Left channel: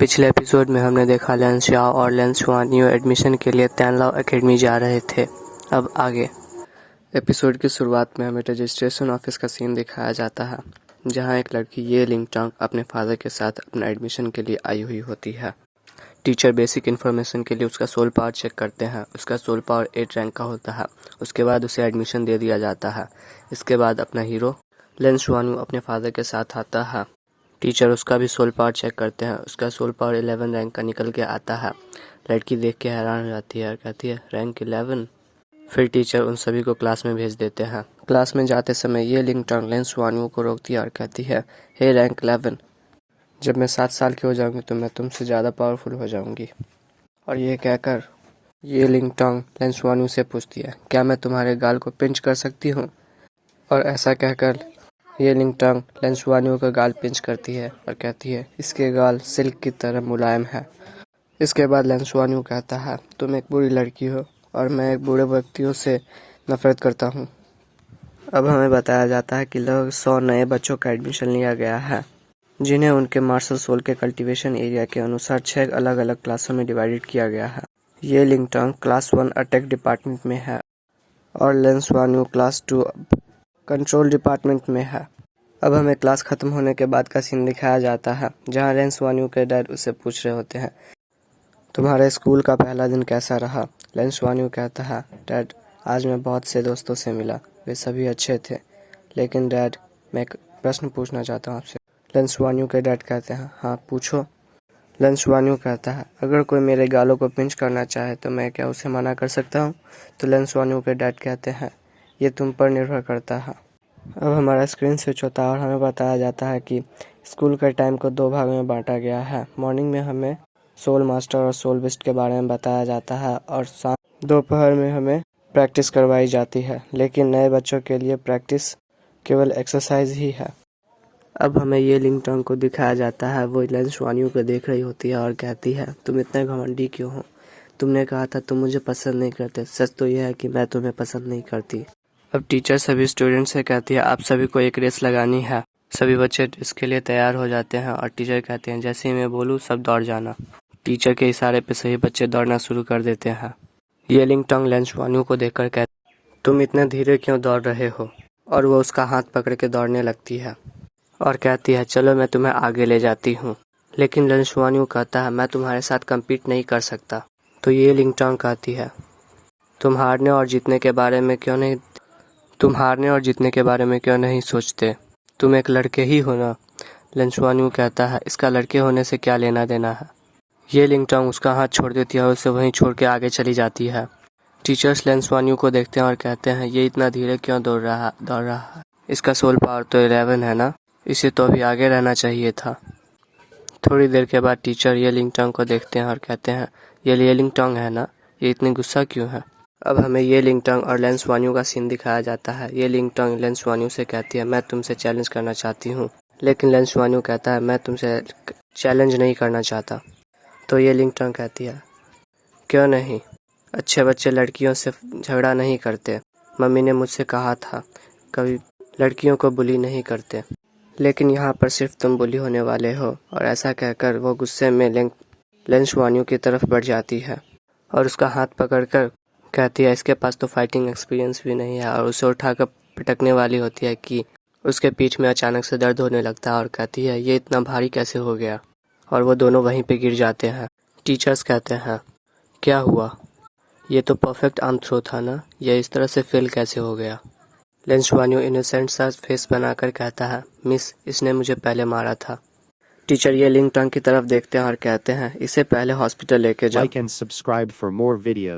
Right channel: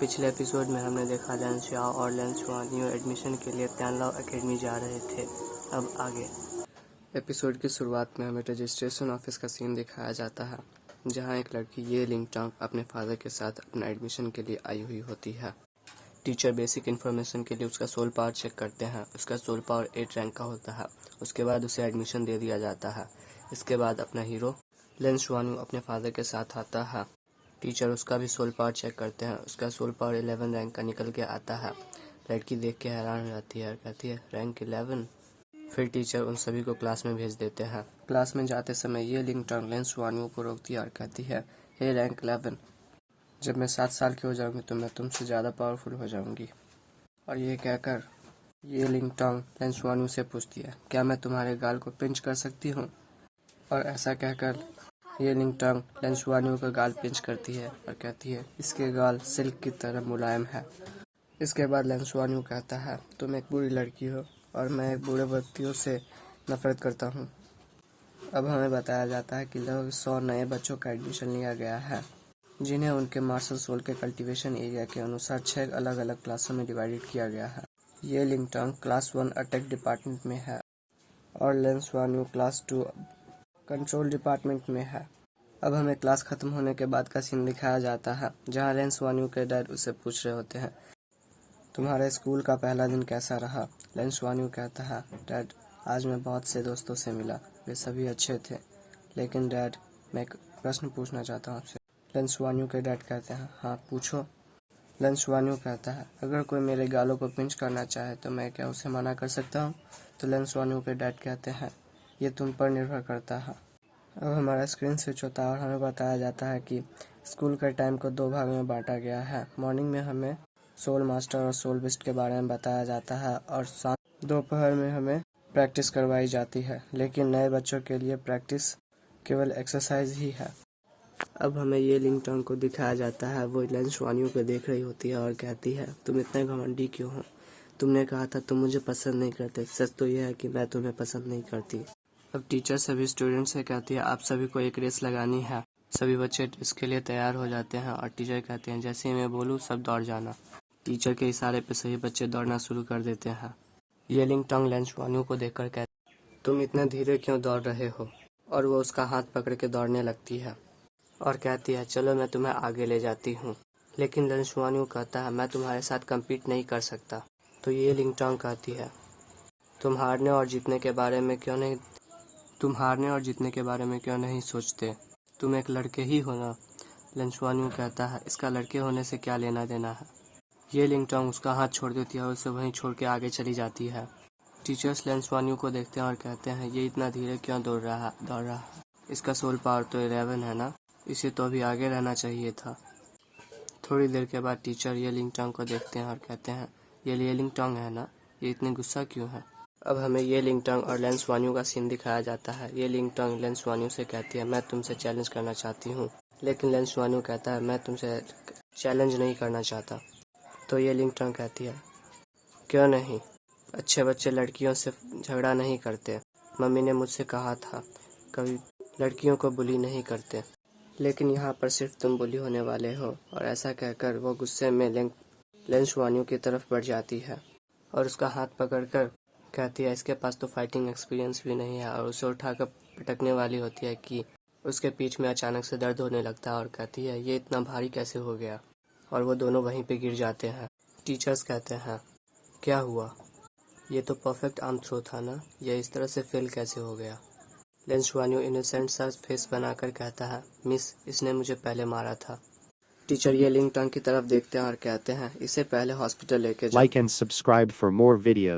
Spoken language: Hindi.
पिछले एपिसोड में हमने देखा लेंस शाओ और लेंस शुआन न्यू एडमिशन के लिए तैनलाओ एकेडमी जा रहे थे। अब आगे एपिसोड की शुरुआत में हमें रजिस्ट्रेशन ऑफिस का सीन दिखाया जाता है, जहां एक लड़की ये लिंगटोंग अपने फादर के साथ अपना एडमिशन के लिए आई हुई होती है। टीचर बेसिक इन्फॉर्मेशन के लिए उसका सोल पावर चेक करते हैं। उसका सोल पावर 8 रैंक का होता है। उसके बाद उसे एडमिशन दे दिया जाता है। इसके बाद अपना हीरो लेंस शुआन अपने फादर के साथ आता है। टीचर उसका भी सोल पावर चेक करते हैं। उसका सोल पावर 11 रैंक का निकल के आता है। लड़की देख के हैरान हो जाती है और कहती है रैंक 11। फिर टीचर उन सभी को क्लास में भेज देते हैं। क्लास में जाते समय ये लिंगटोंग लेंस शुआन को रोकती है और कहती है हे रैंक 11, जब मैं 7 साल की हो जाऊंगी तो मैं तुमसे ज़्यादा पावरफुल हो जाऊंगी। और ये कहकर ये लिंगटोंग लेंस शुआन से पूछती है क्या मैं तुम्हारे गाल को पिंच कर सकती हूँ। और ऐसा कहकर ये लिंगटोंग लेंस शुआन का गाल पिंच करती है और कहती है इसके गाल सिल्क की तरह मुलायम है। इसके बाद लेंस शुआन कहता है तुम एक बुरी लड़की हो और मैं एक बूढ़े व्यक्तियों से नफरत करता हूँ। अब हमें बताया जाता है कि लगभग 100 नए बच्चों का एडमिशन लिया गया है, जिन्हें उनके मार्शल सोल के कल्टीवेशन एरिया के अनुसार 6 अलग अलग क्लासों में डिवाइडेड किया गया है। ये लिंगटोंग क्लास 1 अटैक डिपार्टमेंट में है और लेंस शुआन क्लास 2 कंट्रोल डिपार्टमेंट में है। अब हमें क्लास खत्म होने के बाद का सीन दिखाया जाता है, जहां लेंस शुआन के डैड उससे पूछ रहे होते हैं तुम्हारे स्कूल का पहला दिन कैसा रहा। लेंस शुआन कहता है डैड आज मैं बहुत से दोस्तों से मिला, वे सभी अच्छे थे, लेकिन डैड मैं एक प्रश्न पूछना चाहता हूँ आपसे। लेंस शुआन के डैड कहते हैं हाँ पूछो। लेंस शुआन कहता है अगर कोई मेरे गालों को पिंच करना चाहे तो मैं क्या उसे मना कर सकता हूँ। तो लेंस शुआन के डैड कहते हैं ये तुम पर निर्भर करता है। अब हमारा स्क्रीन स्विच होता है और हमें बताया जाता है कि स्कूल के टाइम को 2 भागों में बांटा गया है। मॉर्निंग में हमें सोल मास्टर और सोल बिस्ट के बारे में बताया जाता है और दोपहर में हमें प्रैक्टिस करवाई जाती है, लेकिन नए बच्चों के लिए प्रैक्टिस केवल एक्सरसाइज ही है। अब हमें ये लिंगटोंग को दिखाया जाता है, वो लेंस शुआन को देख रही होती है और कहती है तुम इतने घमंडी क्यों हो, तुमने कहा था तुम मुझे पसंद नहीं करते, सच तो यह है कि मैं तुम्हें पसंद नहीं करती। अब टीचर सभी स्टूडेंट से कहती है आप सभी को एक रेस लगानी है। सभी बच्चे इसके लिए तैयार हो जाते हैं और टीचर कहते हैं जैसे ही मैं बोलूँ सब दौड़ जाना। टीचर के इशारे पे सभी बच्चे दौड़ना शुरू कर देते हैं। ये लिंगटोंग लेंस शुआन को देखकर कहते तुम इतने धीरे क्यों दौड़ रहे हो, और वो उसका हाथ पकड़ के दौड़ने लगती है और कहती है चलो मैं तुम्हें आगे ले जाती हूँ। लेकिन लेंस शुआन कहता है मैं तुम्हारे साथ कम्पीट नहीं कर सकता। तो ये लिंगटोंग कहती है तुम हारने और जीतने के बारे में क्यों नहीं सोचते, तुम एक लड़के ही हो ना। लेंस शुआन कहता है इसका लड़के होने से क्या लेना देना है। ये लिंगटोंग उसका हाथ छोड़ देती है और उसे वहीं छोड़ के आगे चली जाती है। टीचर्स लेंस शुआन को देखते हैं और कहते हैं ये इतना धीरे क्यों दौड़ रहा है, इसका सोल पावर तो 11 है ना, इसे तो अभी आगे रहना चाहिए था। थोड़ी देर के बाद टीचर ये लिंगटोंग को देखते हैं और कहते हैं ये लिंगटोंग है ना, ये इतनी गुस्सा क्यों है। अब हमें ये लिंगटोंग और लेंस शुआन का सीन दिखाया जाता है। ये लिंगटोंग लेंस शुआन से कहती है मैं तुमसे चैलेंज करना चाहती हूँ, लेकिन लेंस शुआन कहता है मैं तुमसे चैलेंज नहीं करना चाहता। तो ये लिंगटोंग कहती है क्यों नहीं, अच्छे बच्चे लड़कियों से झगड़ा नहीं करते, मम्मी ने मुझसे कहा था कभी लड़कियों को बुली नहीं करते, लेकिन यहाँ पर सिर्फ तुम बुली होने वाले हो। और ऐसा कहकर वो गुस्से में लेंस शुआन की तरफ बढ़ जाती है और उसका हाथ पकड़कर कहती है इसके पास तो फाइटिंग एक्सपीरियंस भी नहीं है, और उसे उठाकर पटकने वाली होती है कि उसके पीठ में अचानक से दर्द होने लगता है और कहती है ये इतना भारी कैसे हो गया, और वो दोनों वहीं पे गिर जाते हैं। टीचर्स कहते हैं क्या हुआ, ये तो परफेक्ट आर्म थ्रो था ना, ये इस तरह से फेल कैसे हो गया। लेंस शुआन इनोसेंट सा फेस बनाकर कहता है मिस इसने मुझे पहले मारा था। टीचर ये लिंगटोंग की तरफ देखते हैं और कहते हैं इसे पहले हॉस्पिटल लेके जाओ। Like and subscribe for more videos.